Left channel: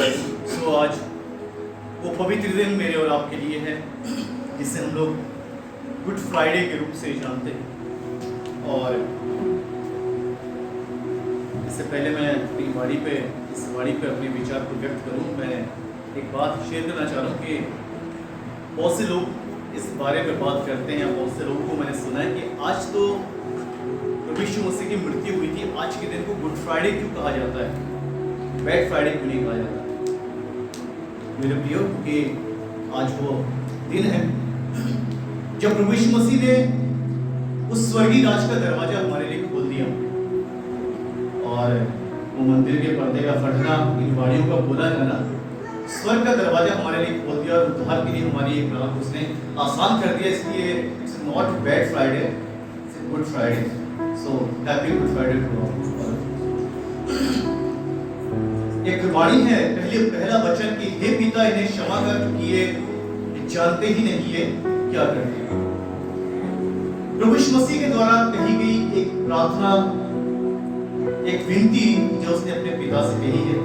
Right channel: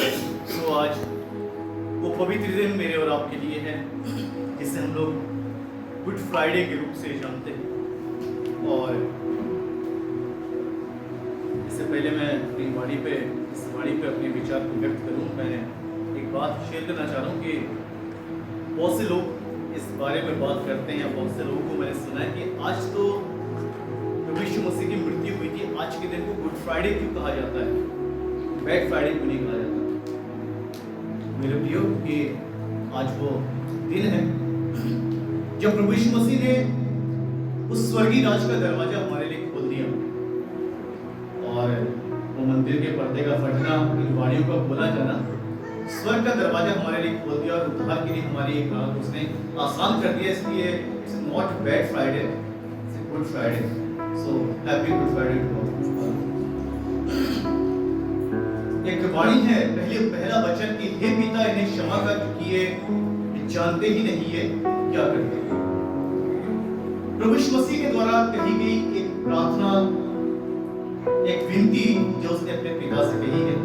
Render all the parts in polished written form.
तो आज वो पवित्र दिन मेरे और आपके लिए है जिसे हम लोग गुड फ्राइडे के रूप से जानते हैं। और इससे पहले मैं अपनी इस वाणी पे अपने विचार को व्यक्त करूं, मैं एक बात शेयर करना चाह रहा हूं कि बहुत से लोग इस बारे में बात करते हैं। बहुत से लोगों को मैंने सुना है कि आज तो प्रभु यीशु मसीह की मृत्यु हुई थी, आज के दिन को गुड फ्राइडे क्यों कहा जाता है, बैड फ्राइडे क्यों नहीं कहा जाता। मेरे प्रियो, कि आज वो दिन है जब प्रभु यीशु मसीह ने उस स्वर्गीय राज का दरवाजा हमारे लिए खोल दिया और वो मंदिर के पर्दे का फटना, इन वाणियों का बोला जाना, स्वर्ग का दरवाजा हमारे लिए खोल दिया और उद्धार के लिए हमारी एक राह उसने आसान कर दिया। इसलिए it's not bad Friday, it's Good Friday. So happy Good Friday to all. एक वाणी है, पहला वचन कि हे पिता, इन्हें क्षमा कर, क्योंकि ये जानते ही नहीं है क्या करते हैं। प्रभु यीशु मसीह के द्वारा कही गई एक प्रार्थना, एक विनती जो उसने अपने पिता से कही है,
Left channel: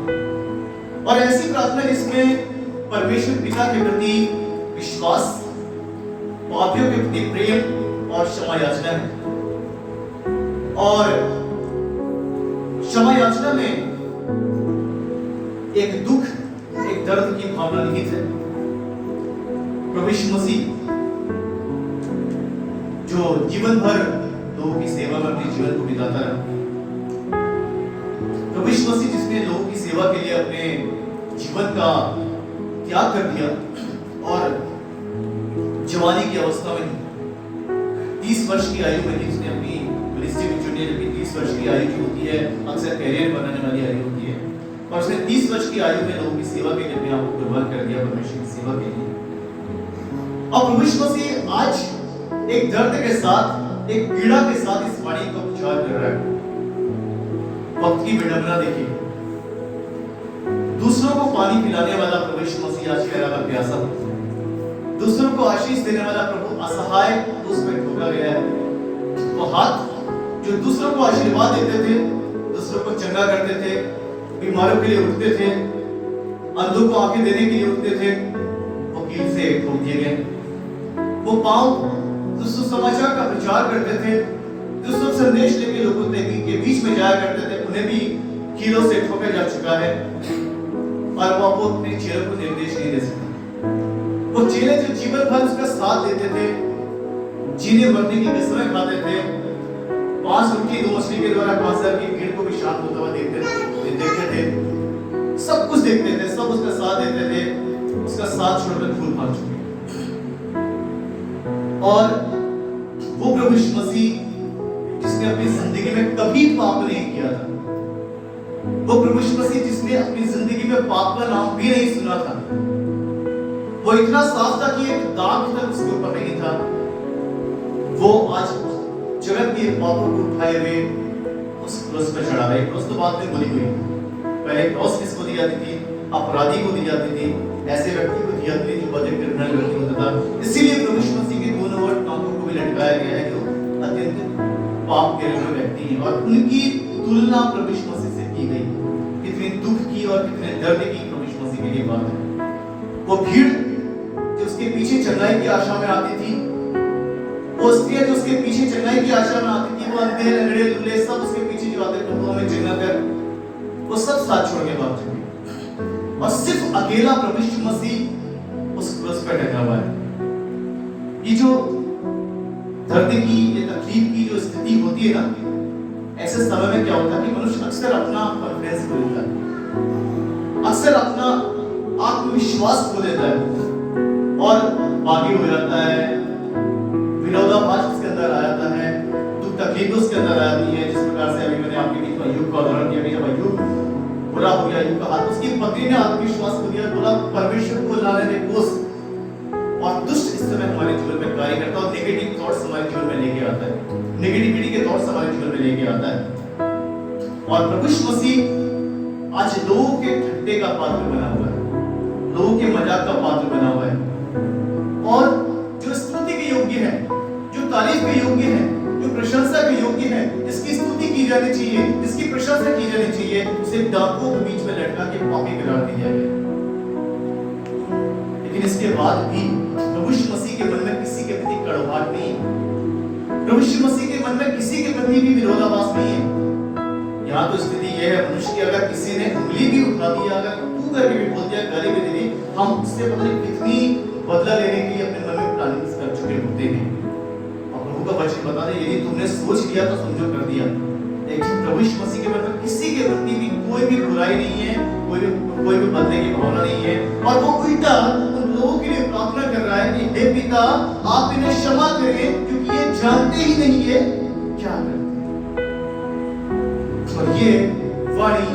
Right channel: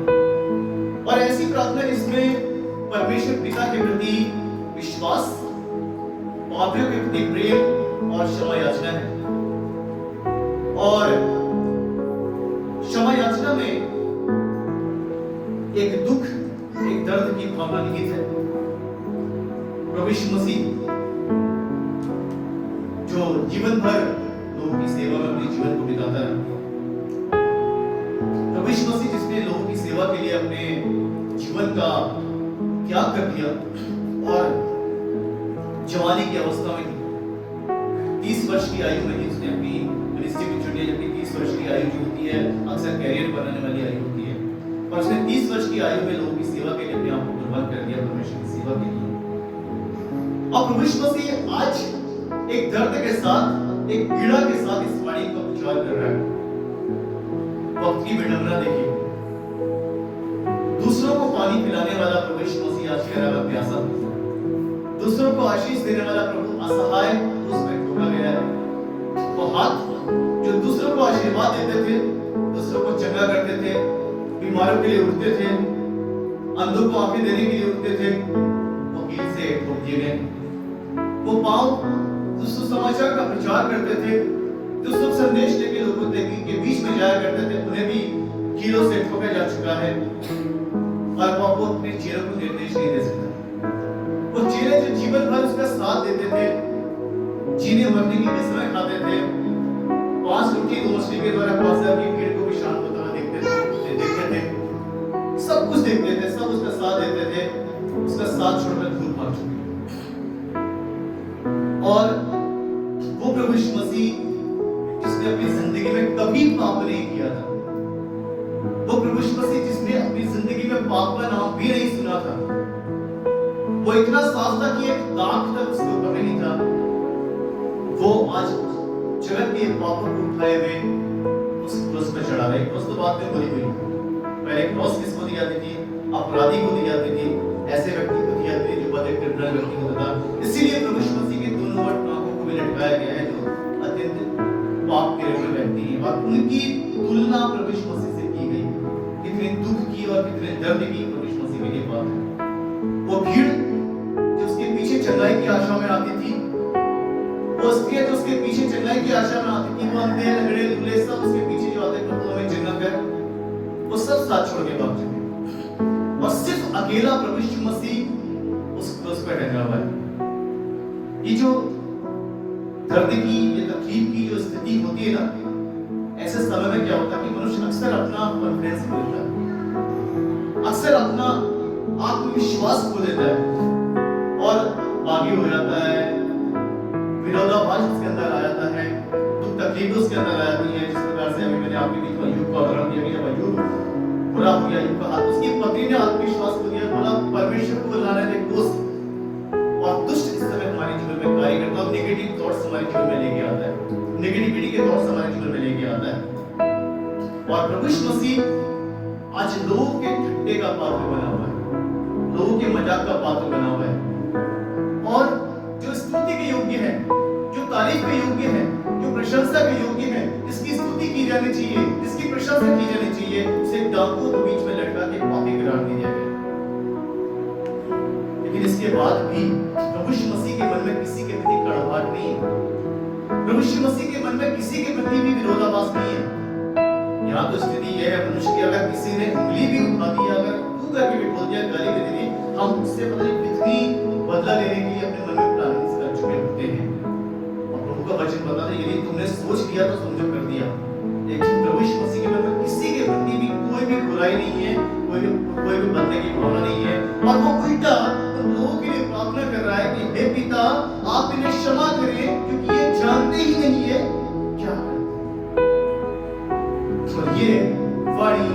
और ऐसी प्रार्थना जिसमें परमेश्वर पिता के प्रति विश्वास, पापियों के प्रति प्रेम और क्षमा याचना है। और क्षमा याचना में एक दुख, एक दर्द की भावना निहित है। प्रभु यीशु मसीह जो जीवन भर लोगों की सेवा में अपने जीवन को बिताता रहा, प्रभु यीशु मसीह जिसने लोगों की सेवा के लिए अपने जीवन का त्याग कर दिया और जवानी की अवस्था में ही 30 वर्ष की आयु में ही उसने अपनी मिनिस्ट्री को चुनी, जबकि 30 वर्ष की आयु जो होती है अक्सर कैरियर बनाने वाली आयु होती है, और उसने 30 वर्ष की आयु में लोगों की सेवा के लिए अपने आप को कुर्बान कर दिया, परमेश्वर की सेवा के लिए। और प्रभु यीशु मसीह आज एक दर्द के साथ, एक पीड़ा के साथ इस वाणी का उच्चार कर रहा है। वक्त की विडंबना देखिए, दूसरों को पानी पिलाने वाला प्रभु यीशु मसीह आज कह रहा है प्यासा, दूसरों को आशीष देने वाला प्रभु असहाय उसमें ठोका गया है। वो हाथ जो दूसरों को आशीर्वाद देते थे, दूसरों को चंगा करते थे, बीमारों के लिए उठते थे, अंधों को आंखें देने के लिए उठते थे, वो कील से ठोक दिए गए। वो पांव जो सुसमाचार का प्रचार करते थे, जो शुभ संदेश लेके लोगों के बीच में जाया करते थे, उन्हें भी कीलों से ठोका जा चुका है और वो अपने चेलों को निर्देश नहीं दे सकता। वो चेले जो जीवन भर उसका साथ देते थे, जीने मरने की कसमें खाते थे, 5 रोटी 2 मछली के द्वारा 5000 की भीड़ को भी शांत होता हुआ देखते थे, सब कुछ देखते थे, सब उसका साथ देते थे, उसका साथ छोड़कर धूल भाग चुके। और वो प्रभु यीशु मसीह जिसने अपनी जिंदगी में कभी पाप नहीं किया था, वो प्रभु यीशु मसीह जिसने अपनी जिंदगी में पाप का नाम भी नहीं सुना था, वो इतना साफ था कि एक दाग तक उसके ऊपर नहीं था, वो आज जगत के पापों को उठाए हुए उस क्रूस पर चढ़ा रहे। क्रूस तो बाद में बोली हुई, पहले क्रॉस किसको दी जाती थी? अपराधी को दी जाती थी, ऐसे व्यक्ति को दी जाती थी जो बड़े क्रिमिनल व्यक्ति होता था। इसीलिए प्रभु यीशु मसीह के दोनों ओर टांगों को भी लटकाया गया है जो अत्यंत पाप के व्यक्ति हैं, और उनकी तुलना प्रभु यीशु मसीह से की गई। कितने दुख की और कितने दर्द की प्रभु यीशु मसीह के लिए बात है। वो भीड़ जो उसके पीछे चंगाई की आशा में आती थी, वो स्त्रियां जो उसके पीछे चंगाई की आशा में आती थी, वो अंधे लंगड़े लूले सब उसके पीछे जो आते प्रभु हमें चंगा कर, वो सब साथ छोड़ के भाग चुके, और सिर्फ अकेला प्रभु यीशु मसीह उस क्रूस पर टंगा हुआ है। ये जो दर्द की, ये तकलीफ की जो स्थिति होती है ना, ऐसे समय में क्या होता है कि मनुष्य अक्सर अपना कॉन्फिडेंस खो देता है, अक्सर अपना आत्मविश्वास खो देता है और बागी हो जाता है, विरोधाभास उसके अंदर आ जाता है, दुख तकलीफ उसके अंदर आ जाती है। जिस प्रकार से अभी मैंने आपके बीच में अय्यूब का उदाहरण दिया कि जब अय्यूब बुरा हो गया, अय्यूब का हाथ, उसकी पत्नी ने आत्मविश्वास खो दिया, बोला परमेश्वर को लाने दे कोस। और दुष्ट इस समय हमारे जीवन में कार्य करता है और नेगेटिव थॉट्स हमारे जीवन में लेके आता है, नेगेटिविटी के थॉट्स हमारे जीवन में लेके आता है। और प्रभु यीशु मसीह आज लोगों के ठट्टे का पात्र बना हुआ है, लोगों के मजाक का पात्र बना हुआ है, और जो स्तुति के योग्य है, जो तारीफ के योग्य है, जो प्रशंसा के योग्य है, जिसकी स्तुति की जानी चाहिए, जिसकी प्रशंसा की जानी चाहिए, उसे डाकुओं के बीच में लटका के पापी करार दिया गया। लेकिन इसके बाद भी प्रभु यीशु मसीह के मन में किसी के प्रति कड़वाहट नहीं है। प्रभु यीशु मसीह के मन में किसी के प्रति भी विरोधाभास नहीं है। यहाँ तो स्थिति यह है मनुष्य की, अगर किसी ने उंगली भी उठा दिया, अगर तू करके भी बोल दिया, गाली भी दे दी, हम उससे पता नहीं कितनी बदला लेने के लिए अपने मन में प्लानिंग कर चुके होते हैं। और प्रभु का वचन बताता है यदि तुमने सोच लिया तो समझो कर दिया। लेकिन प्रभु यीशु मसीह के मन में किसी के प्रति भी कोई भी बुराई नहीं है, कोई भी बदले की भावना नहीं है। और वो उल्टा उन लोगों के लिए प्रार्थना कर रहा है कि हे पिता, आप इन्हें क्षमा करें क्योंकि ये जानते ही नहीं है क्या करते हैं। और ये वाणी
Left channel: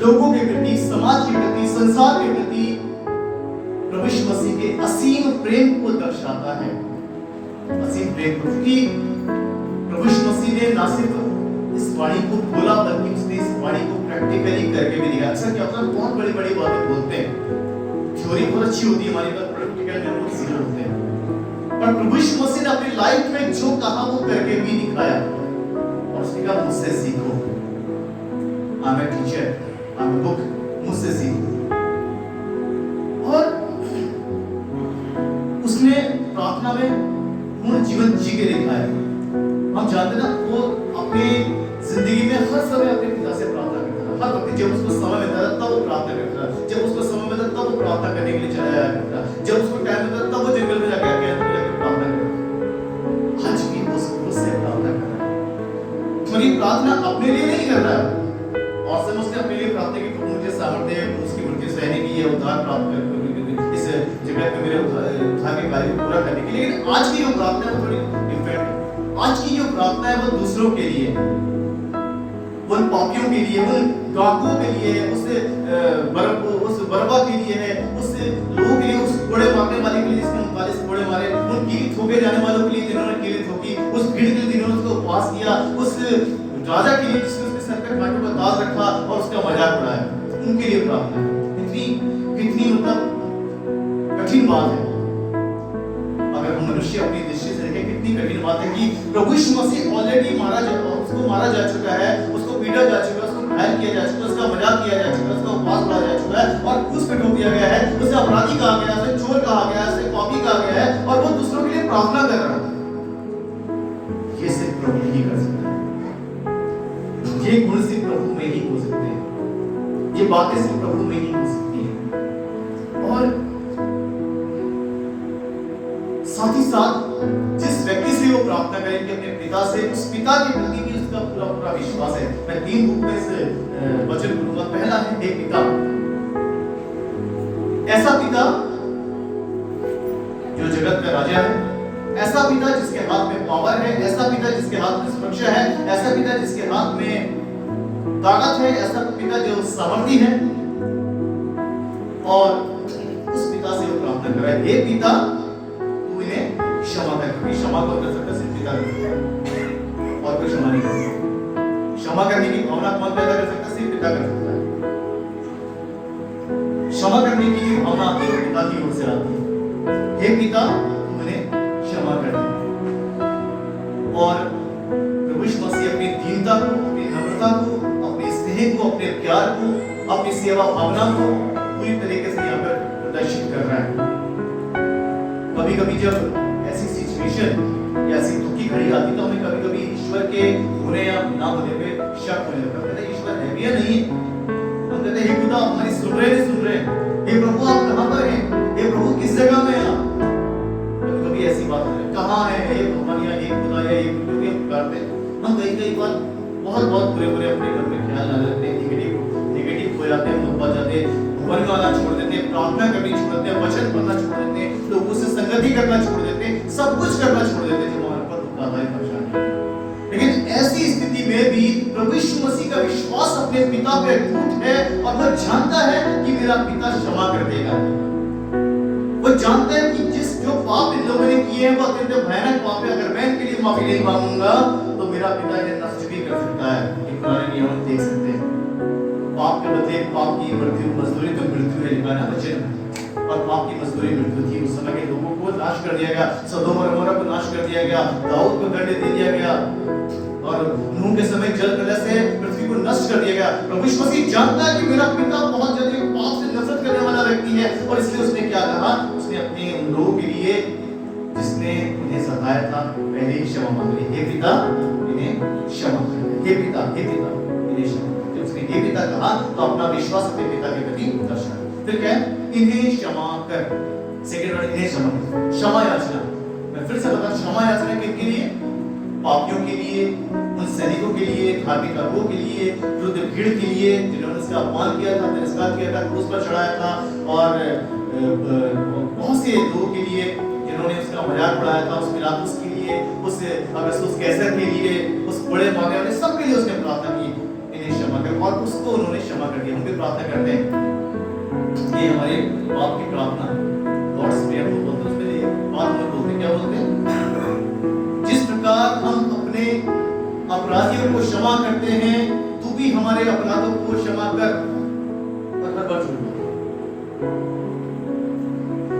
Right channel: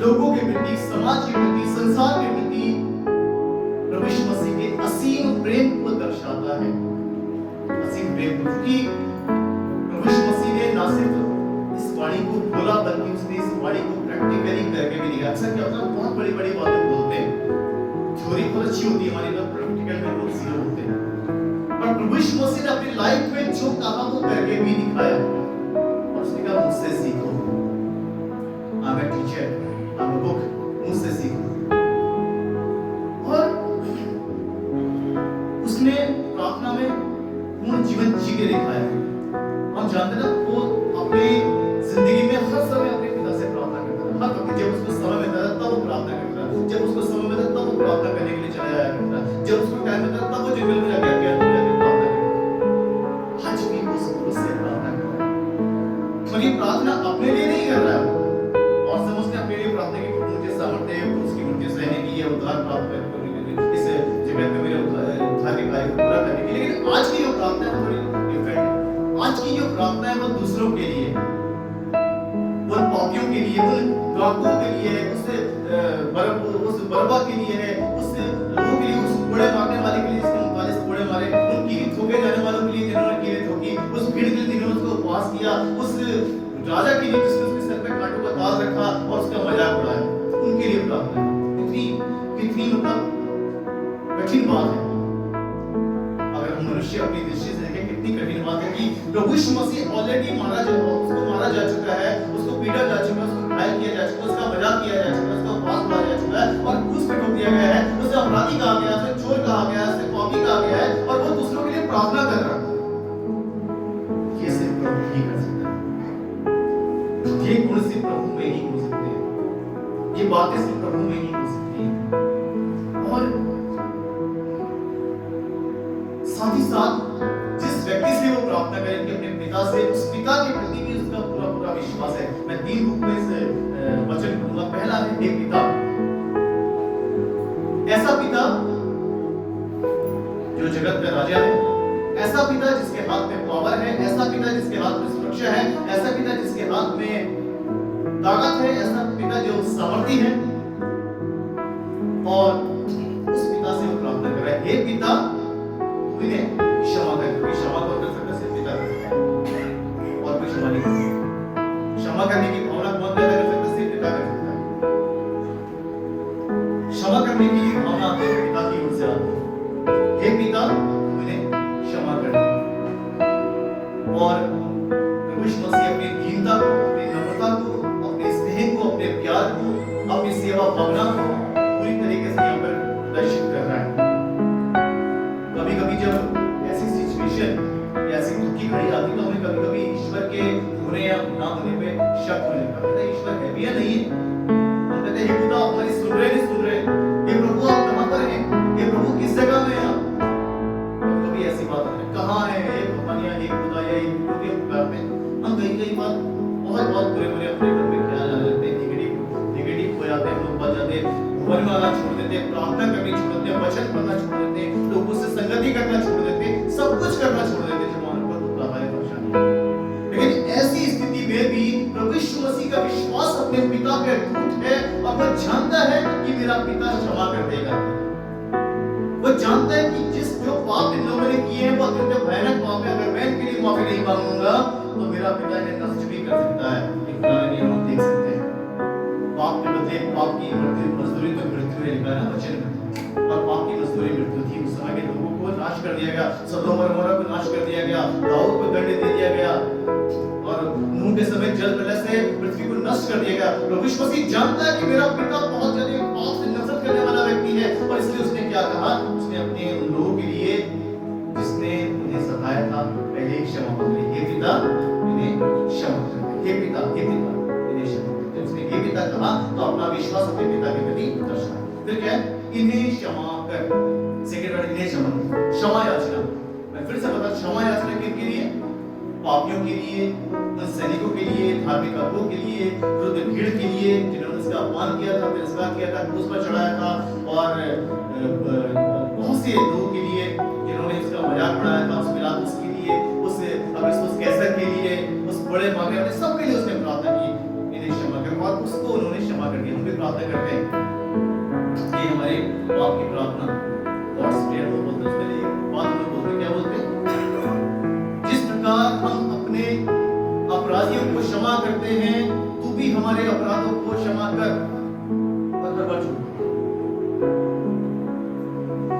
लोगों के प्रति, समाज के प्रति, संसार के प्रति प्रभु यीशु मसीह के असीम प्रेम को दर्शाता है। असीम प्रेम को, क्योंकि प्रभु यीशु मसीह ने ना सिर्फ इस वाणी को बोला बल्कि उसने इस वाणी को प्रैक्टिकली करके भी दिखाया। अक्सर क्या होता है, बहुत बड़ी बड़ी बातें बोलते हैं, थ्योरी बहुत अच्छी होती है हमारी, पर प्रैक्टिकल में हम लोग जीरो होते हैं। पर प्रभु यीशु मसीह ने अपनी लाइफ में जो कहा वो करके भी दिखाया। और उसने कहा मुझसे सीखो, I am a teacher, I am a book, मुझसे सीखो। और उसने प्रार्थना में पूर्ण जीवन जी के दिखाया। हम जानते ना, वो अपने जिंदगी में हर समय अपने पिता से प्रार्थना करता था। हर वक्त जब उसको समय मिलता था तब वो प्रार्थना करता था, जब उसको समय मिलता तब वो प्रार्थना करने के लिए चला जाया करता, जब उसको टाइम मिलता तब वो जंगल में जाकर प्रार्थना करता। आज भी वो उससे प्रार्थना कर रहा है। और ये प्रार्थना अपने लिए नहीं कर रहा है, और सब उसने अपने लिए प्रार्थना की, मुझे सामर्थ्य उसकी मृत्यु सहने की, ये उद्धार प्राप्त कर इस जगत में मेरे उद्धार के कार्य को पूरा करने के लिए। लेकिन आज की जो प्रार्थना है वो थोड़ी डिफरेंट है। आज की जो प्रार्थना है वो दूसरों के लिए, उन पापियों के लिए, उन डाकुओं के लिए, उस बरअब्बा के लिए है, उस लोगों के लिए, उस कोड़े मारने वाले के लिए जिसने 39 कोड़े मारे, उन कीली ठोके जाने वालों के लिए जिन्होंने कीली ठोकी, उस भीड़ के लिए जिन्होंने उसको उपवास किया, उस राजा के लिए जिसने उसके सर पे कांटों का ताज रखा और उसका मजाक उड़ाया, उनके लिए प्रार्थना है। कितनी मतलब कठिन बात है। अगर हम मनुष्य अपनी दृष्टि से देखें, कितनी कठिन बात है कि प्रभु यीशु मसीह ऑलरेडी उसको मारा जा चुका है, उसको पीटा जा चुका है, उसको घायल किया जा चुका है, उसका मजाक किया जा चुका है, उसका उपवास उड़ाया जा चुका है और क्रूस पे ठोक दिया गया है, उसे अपराधी कहा गया है, उसे चोर कहा गया है, उसे पापी कहा गया है, और वो दूसरों के लिए प्रार्थना कर रहा है। ये सिर्फ प्रभु ही कर सकता है। ये गुण सिर्फ प्रभु में ही हो सकते हैं, ये बातें सिर्फ प्रभु में ही हो सकती हैं। और साथ ही साथ जिस व्यक्ति से वो प्रार्थना करें कि अपने पिता से, उस पिता के प्रति भी उसका पूरा पूरा विश्वास है। मैं 3 बुक में से वचन पढ़ूंगा। पहला है एक पिता, ऐसा पिता जो जगत का राजा है, ऐसा पिता जिसके हाथ में पावर है, ऐसा पिता जिसके हाथ में सुरक्षा है, ऐसा पिता जिसके हाथ में ताकत है, ऐसा पिता जो सामर्थी है। और उस पिता से वो प्रार्थना कर रहा है, हे पिता इन्हें क्षमा कर, क्योंकि क्षमा कौन कर सकता है? सिर्फ पिता कर सकता है, और कोई क्षमा नहीं कर सकता। क्षमा करने की भावना कौन पैदा कर सकता है? सिर्फ पिता कर सकता है। क्षमा करने की जो भावना आती है वो पिता की ओर से आती है। हे पिता तुम इन्हें क्षमा कर दे। और प्रभु यीशु मसीह अपनी दीनता को, अपनी नम्रता को, अपने स्नेह को, अपने प्यार को, अपनी सेवा भावना को पूरी तरीके से यहाँ पर प्रदर्शित कर रहा है। कभी कभी जब ऐसी सिचुएशन या ऐसी दुख की घड़ी आती तो हमें कभी कभी ईश्वर के होने या ना होने पे शक होने लगता है। कहते हैं ईश्वर है भी या नहीं है। हम कहते हैं हे खुदा आप हमारी सुन रहे नहीं सुन रहे, हे प्रभु आप कहाँ पर हैं, हे प्रभु किस जगह में हैं आप। कभी कभी ऐसी बात होती है, कहाँ है हे भगवान या हे खुदा या हे जो भी हम पुकारते हैं। हम कई बार बहुत बुरे अपने मन में ख्याल आ जाते हैं, निगेटिव हो जाते हैं, हम लोग बच जाते हैं, भवन में आना छोड़ देते हैं, प्रार्थना करनी छोड़ देते हैं, वचन पढ़ना छोड़ देते हैं, लोगों से संगति करना छोड़ देते हैं, सब कुछ करना छोड़ देते हैं जो हमारे ऊपर दुख आता है, परेशानी है। लेकिन ऐसी स्थिति में भी प्रभु यीशु मसीह का विश्वास अपने पिता पे अटूट है और वो जानता है कि मेरा पिता क्षमा कर देगा। वो जानता है कि जो पाप इन लोगों ने किए हैं वो अत्यंत भयानक पाप है। अगर मैं इनके लिए माफी नहीं मांगूंगा तो मेरा पिता इन्हें नष्ट भी कर सकता है। एक पुराने नियम हम देख सकते हैं, पाप के बदले पाप की मजदूरी तो मृत्यु है, लिखा है वचन में। और पाप की मजदूरी मृत्यु थी। उस समय के लोगों को नाश कर दिया गया, सदोम और अमोरा को नाश कर दिया गया, दाऊद को दंड दे दिया गया, और नूह के समय जल प्रलय से पृथ्वी को नष्ट कर दिया गया। प्रभु यीशु मसीह जानता है कि मेरा पिता बहुत ज्यादा पाप से नफरत करने वाला व्यक्ति है, और इसलिए उसने क्या कहा, उसने अपने उन लोगों के लिए जिसने उन्हें सताया था पहले ही क्षमा मांग ली। हे पिता इन्हें क्षमा कर दे, हे पिता इन्हें क्षमा कर दे। उसने हे पिता कहा तो अपना विश्वास अपने पिता के प्रति दर्शाया। फिर क्या है, इन्हें क्षमा कर, सेकंड वर्ड इन्हें क्षमा कर, क्षमा याचना। मैं फिर से बता, क्षमा याचना किसके लिए? पापियों के लिए, उन सैनिकों के लिए, धार्मिक अगुओं के लिए, वृद्ध भीड़ के लिए जिन्होंने उसका अपमान किया था, तिरस्कार किया था, क्रूस पर चढ़ाया था, और बहुत से लोगों के लिए जिन्होंने उसका मजाक उड़ाया था, उस पिलातुस के लिए, उस अगस्तुस कैसर के लिए, उस बड़े मारने वाले सबके लिए उसने प्रार्थना की, इन्हें क्षमा कर, और उसको उन्होंने क्षमा कर दिया। हम भी प्रार्थना करते हैं, ये हमारे बाप की प्रार्थना, गॉड्स प्रेयर वो बोलते हैं, उसमें एक बात हम लोग बोलते हैं, क्या बोलते हैं? जिस प्रकार हम अपने अपराधियों को क्षमा करते हैं, तू भी हमारे अपराधों को क्षमा कर। और हर बार झूठ बोलते,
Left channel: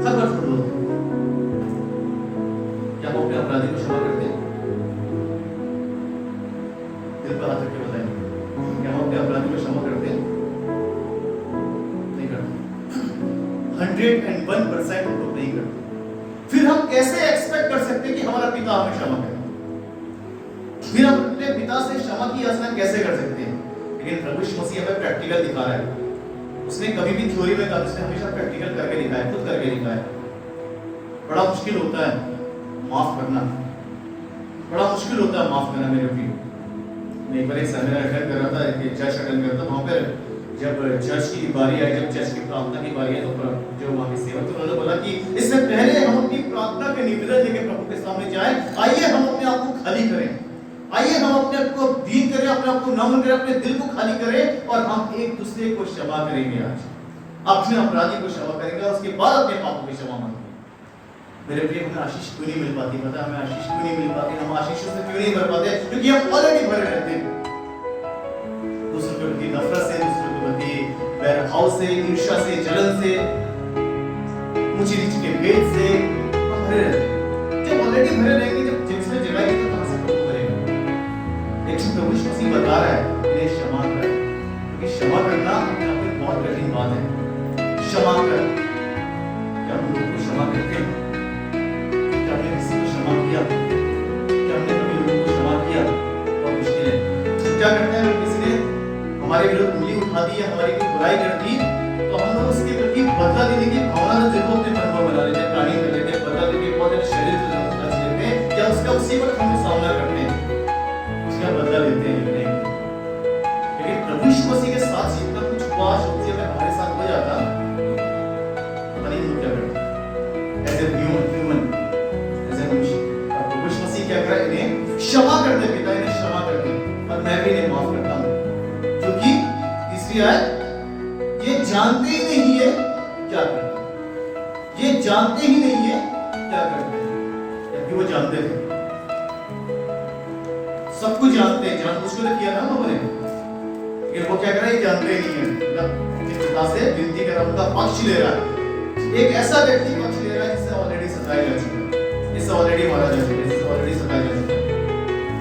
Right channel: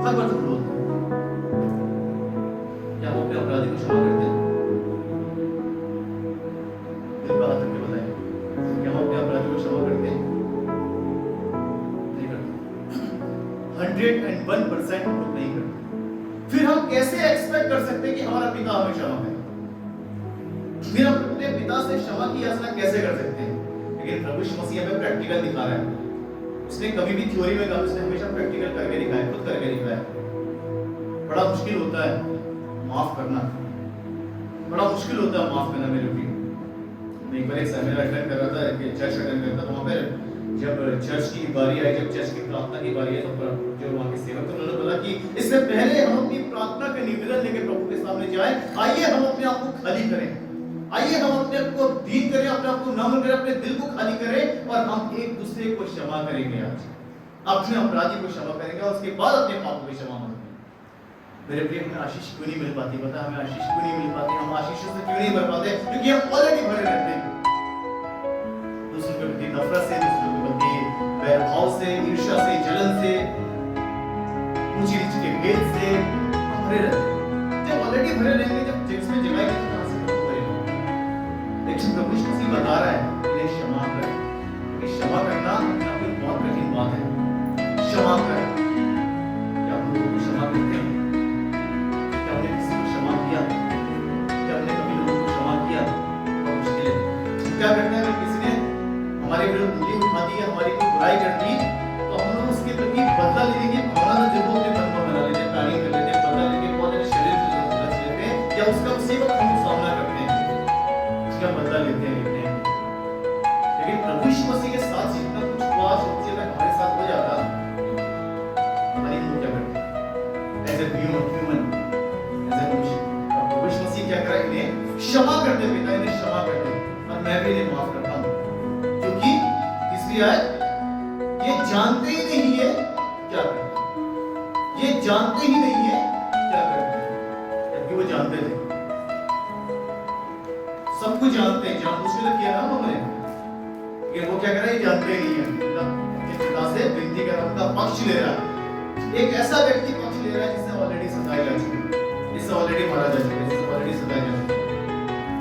हर बार झूठ बोलते। क्या हम अपने अपराधी को क्षमा करते हैं? दिल पर हाथ रख के बताएं, क्या हम अपने अपराधी को क्षमा करते हैं? नहीं करते। 101% हम लोग नहीं करते। फिर हम कैसे एक्सपेक्ट कर सकते हैं कि हमारा पिता हमें क्षमा करे? फिर हम अपने पिता से क्षमा की याचना कैसे कर सकते हैं? लेकिन प्रभु यीशु मसीह हमें प्रैक्टिकल दिखा रहा है। उसने कभी भी थ्योरी में कहा, उसने हमेशा प्रैक्टिकल करके दिखाया, खुद करके दिखाया। बड़ा मुश्किल होता है माफ करना, बड़ा मुश्किल होता है माफ करना। मेरे भी मैं एक बार एक सेमिनार अटेंड कर रहा था, एक चर्च अटेंड करता, वहाँ पर जब चर्च की बारी आई, जब चर्च की प्रार्थना की बारी आई, तो जो वहाँ के सेवक थे उन्होंने बोला कि इससे पहले हम अपनी प्रार्थना के निवेदन लेके प्रभु के सामने जाएं, आइए हम अपने आप को खाली करें, आइए हम अपने आप को दीन करें, अपने आप को नम्र करें, अपने दिल को खाली करें, और हम एक दूसरे को क्षमा करेंगे। आज अपने अपराधी को क्षमा करेंगे, और उसके बाद अपने पापों की क्षमा मांगेंगे। मेरे प्रिय, हमें आशीष क्यों नहीं मिल पाती? पता है हमें आशीष क्यों नहीं मिल पाती? हम आशीषों से क्यों नहीं भर पाते? क्योंकि हम ऑलरेडी भरे रहते हैं दूसरों के प्रति नफरत से, दूसरों के प्रति वैरभाव से, ईर्ष्या से, जलन से, ऊंची नीच के भेद से हम भरे रहते हैं। जब ऑलरेडी भरे रहेंगे, जब जिसमें जगह नहीं, तो कहां से प्रभु भरेगा? लेकिन प्रभु यीशु मसीह बता रहा है, इन्हें क्षमा कर, क्योंकि क्षमा करना अपने आप में बहुत कठिन बात है। क्षमा कर, क्या हम लोगों को क्षमा करते हैं? क्या हमने किसी को क्षमा किया? क्या हमने कभी लोगों को क्षमा किया? बहुत मुश्किल है। क्या करते हैं, अगर किसी ने हमारे विरुद्ध उंगली उठा दी या हमारी कोई बुराई कर दी, तो हम लोग उसके प्रति बदला लेने की भावना तो जरूर अपने मन में बना लेते हैं, प्लानिंग कर लेते हैं, बदला लेके बहुत ज्यादा शरीर से रच लेते हैं, या उसका उसी वक्त हम सामना करते हैं, उसका बदला लेते हैं। लेकिन प्रभु यीशु मसीह के साथ जितना कुछ हुआ, सोचिए अगर हमारे साथ हो जाता, पता नहीं हम लोग क्या करते as a human, as a मनुष्य। और प्रभु यीशु मसीह क्या करा, इन्हें क्षमा कर दे पिता, इन्हें क्षमा कर दे, और मैं भी इन्हें माफ करता हूं, क्योंकि तीसरी आयत, ये जानते ही नहीं है क्या करते हैं, ये जानते ही नहीं है क्या करते हैं, जबकि वो जानते थे, सब कुछ जानते हैं, जानबूझ के किया ना लोगों ने, लेकिन वो क्या कर रहा है, ये जानते ही नहीं है, मतलब अपने पिता से विनती कर रहा, उनका पक्ष ले रहा है। एक ऐसा व्यक्ति पक्ष ले रहा है जिससे ऑलरेडी सताया जा चुका है, जिससे ऑलरेडी मारा जा चुका है, जिससे ऑलरेडी सताया जा चुका है,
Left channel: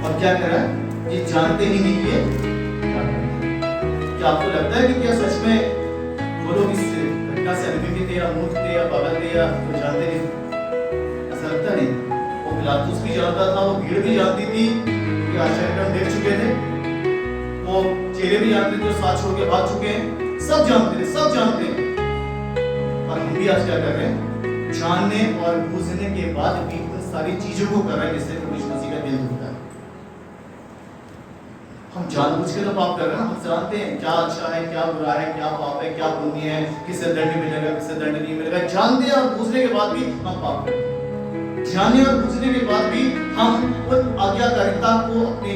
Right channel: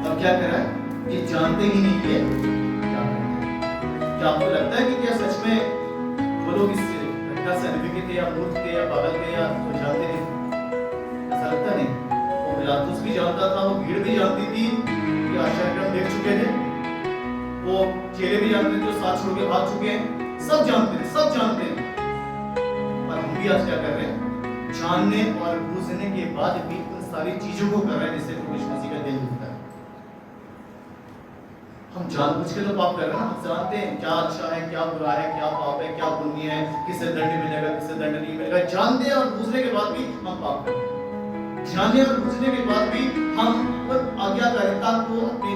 और क्या कर रहा है, ये जानते ही नहीं है क्या करते हैं। क्या आपको लगता है कि क्या सच में वो लोग इस घटना से अनभिज्ञ थे, या मूर्ख थे, या पागल थे, या वो जानते नहीं? ऐसा लगता नहीं। वो पिलातुस भी जानता था, वो भीड़ भी जानती थी, क्योंकि आश्चर्यक्रम देख चुके थे, वो चेहरे भी जानते थे जो साथ छोड़ के भाग चुके हैं, सब जानते थे, सब जानते हैं। और हम भी आज क्या कर रहे हैं, जानने और बूझने के बाद भी उन सारी चीजों को कर रहे हैं जिससे प्रभु यीशु मसीह का दिल दुखता है। हम जानबूझ के तो पाप कर रहे हैं ना, हम जानते हैं क्या अच्छा है, क्या बुरा है, क्या पाप है, क्या पुण्य है, किससे दंड मिलेगा, किससे दंड नहीं मिलेगा, जानते हैं और बूझने के बाद भी हम पाप करते हैं। जानने और बूझने के बाद भी हम उन आज्ञाकारिता को अपने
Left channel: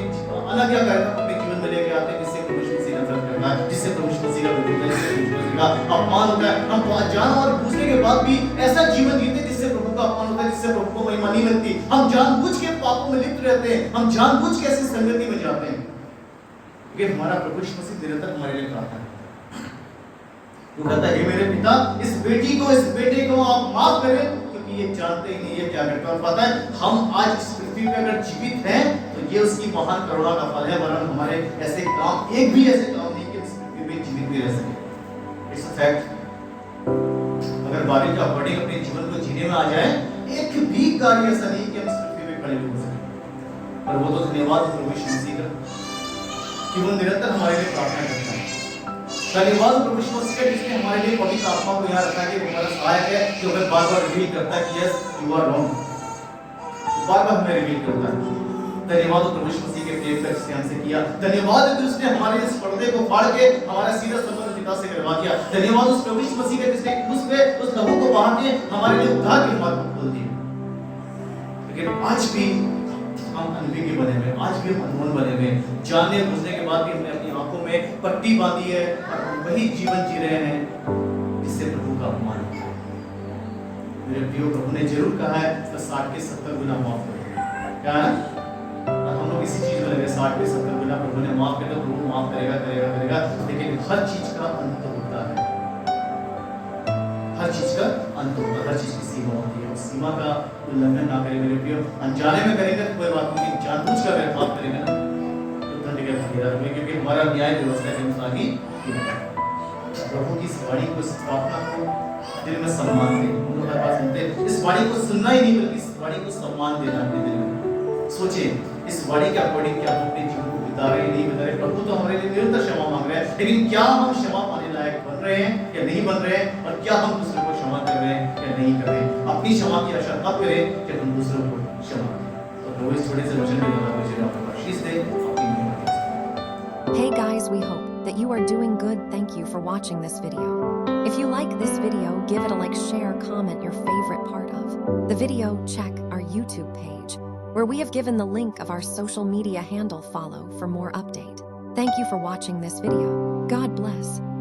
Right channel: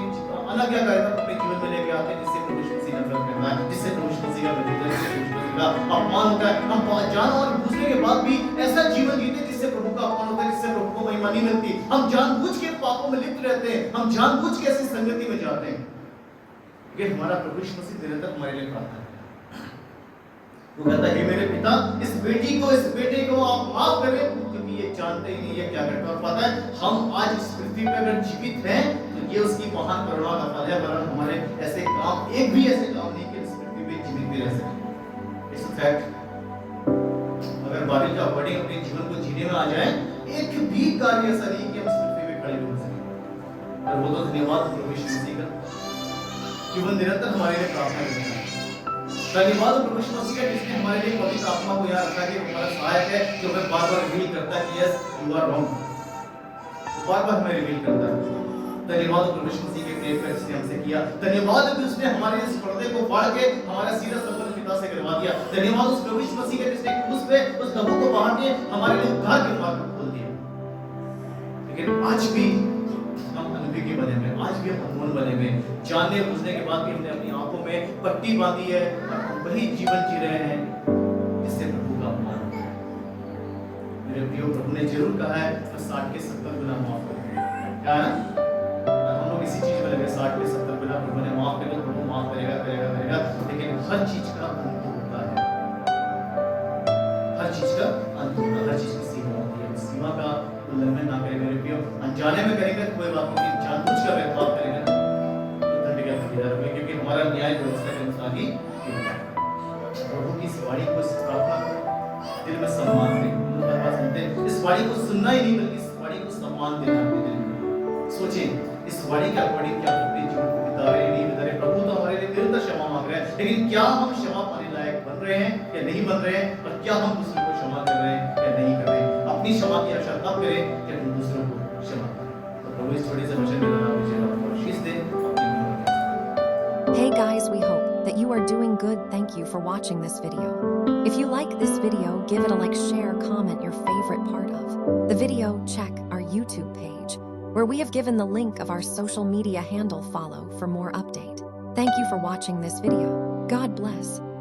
अनाज्ञाकारिता को अपने जीवन में लेके आते हैं, जिससे प्रभु यीशु मसीह नफरत करता है, जिससे प्रभु यीशु मसीह का विरोध है, जिससे प्रभु यीशु मसीह का अपमान होता है। हम जान और बूझने के बाद भी ऐसा जीवन जीते हैं जिससे प्रभु का अपमान होता है, जिससे प्रभु को महिमा नहीं मिलती। हम जानबूझ के पापों में लिप्त रहते हैं, हम जानबूझ के ऐसी संगति में जाते हैं, लेकिन हमारा प्रभु यीशु मसीह निरंतर हमारे लिए प्रार्थना करता है। वो कहता है, हे मेरे पिता, इस बेटे को आप माफ करें, क्योंकि ये जानते ही नहीं है क्या करते। और पता है, हम आज इस पृथ्वी पे अगर जीवित हैं तो ये उसकी महान करुणा का फल है, वरन हमारे ऐसे काम, एक भी ऐसे काम नहीं कि इस पृथ्वी पे जीवित भी रह सके। It's a fact. अगर बाइबल के अकॉर्डिंग अपने जीवन को जीने में आ जाए, एक भी कार्य ऐसा नहीं कि हम इस पृथ्वी पे खड़े भी हो सके। और वो तो धन्यवाद प्रभु यीशु मसीह का कि वो निरंतर हमारे लिए प्रार्थना करता है। धन्यवाद प्रभु यीशु मसीह का जिसने हमारे लिए पवित्र आत्मा को यहाँ रखा कि वो हमारा सहायक है, जो हमें बार-बार रिवील करता है कि यस यू आर रॉन्ग, बार-बार हमें रिवील करता है। धन्यवाद प्रभु यीशु मसीह के प्रेम का जिसने हमसे किया। धन्यवाद कि उसने हमारे इस पर्दे को फाड़ के हमारा सीधा संबंध पिता से करवा दिया। धन्यवाद उस प्रभु यीशु मसीह के जिसने क्रूस पे उस लहू को बहा के हमारे लिए उद्धार के मार्ग को खोल दिया। लेकिन आज भी हम अनभिज्ञ बने हुए, आज भी हम अनमोल बने हुए, जानने बुझने के बाद भी हमने अपनी आंखों में पट्टी बांधी है और हम वही जीवन जी रहे हैं जिससे प्रभु का अपमान होता है। मेरे प्रियो, प्रभु ने जरूर कहा है तो 60 के 70 गुना माफ करो। क्या है ना? हम लोग इसी चीज में लगे, 60 के 70 गुना प्रभु ने माफ कर दो, प्रभु माफ करेगा करेगा करेगा। लेकिन हर चीज का अंत होता है, हर चीज का अंत होता है, हर चीज की सीमा होती है। उस सीमा का उल्लंघन ना करें मेरे प्रियो। अनजाने में करेंगे तो कोई बात नहीं, जानबूझकर अगर पाप करेंगे ना तो दंड के भागीदार होंगे, क्योंकि हमारा न्याय व्यवस्था के अनुसार ही प्रभु की इस वाणी को, इस प्रार्थना को दिल में सम्मान दें। हर बात सुनते इस वाणी को सुनना ही नहीं, बल्कि इस वाणी को सम्मान देना अपने दिल में। सोचे इस वाणी के अकॉर्डिंग क्या हम अपने जीवन को बिता रहे नहीं बिता रहे। प्रभु तो हमारे लिए निरंतर क्षमा मांग रहे हैं, लेकिन क्या हम क्षमा पाने लायक बन रहे हैं या नहीं बन रहे हैं, और क्या हम दूसरों को क्षमा कर रहे हैं या नहीं कर रहे हैं। अपनी क्षमा की आशा तब करें जब हम दूसरों को क्षमा करें। तो प्रभु इस छोटे से वचन में ज़रा मुझे आपको आशीष दे, अपनी महिमा के साथ। Hey guys, we hope that you are doing good. Thank you for watching this video. If you like this video, give it a like, share, comment your favorite part of the video. Check our YouTube page, where we have given the link of our social media handle. Follow for more update. Thank you for watching this video. God bless.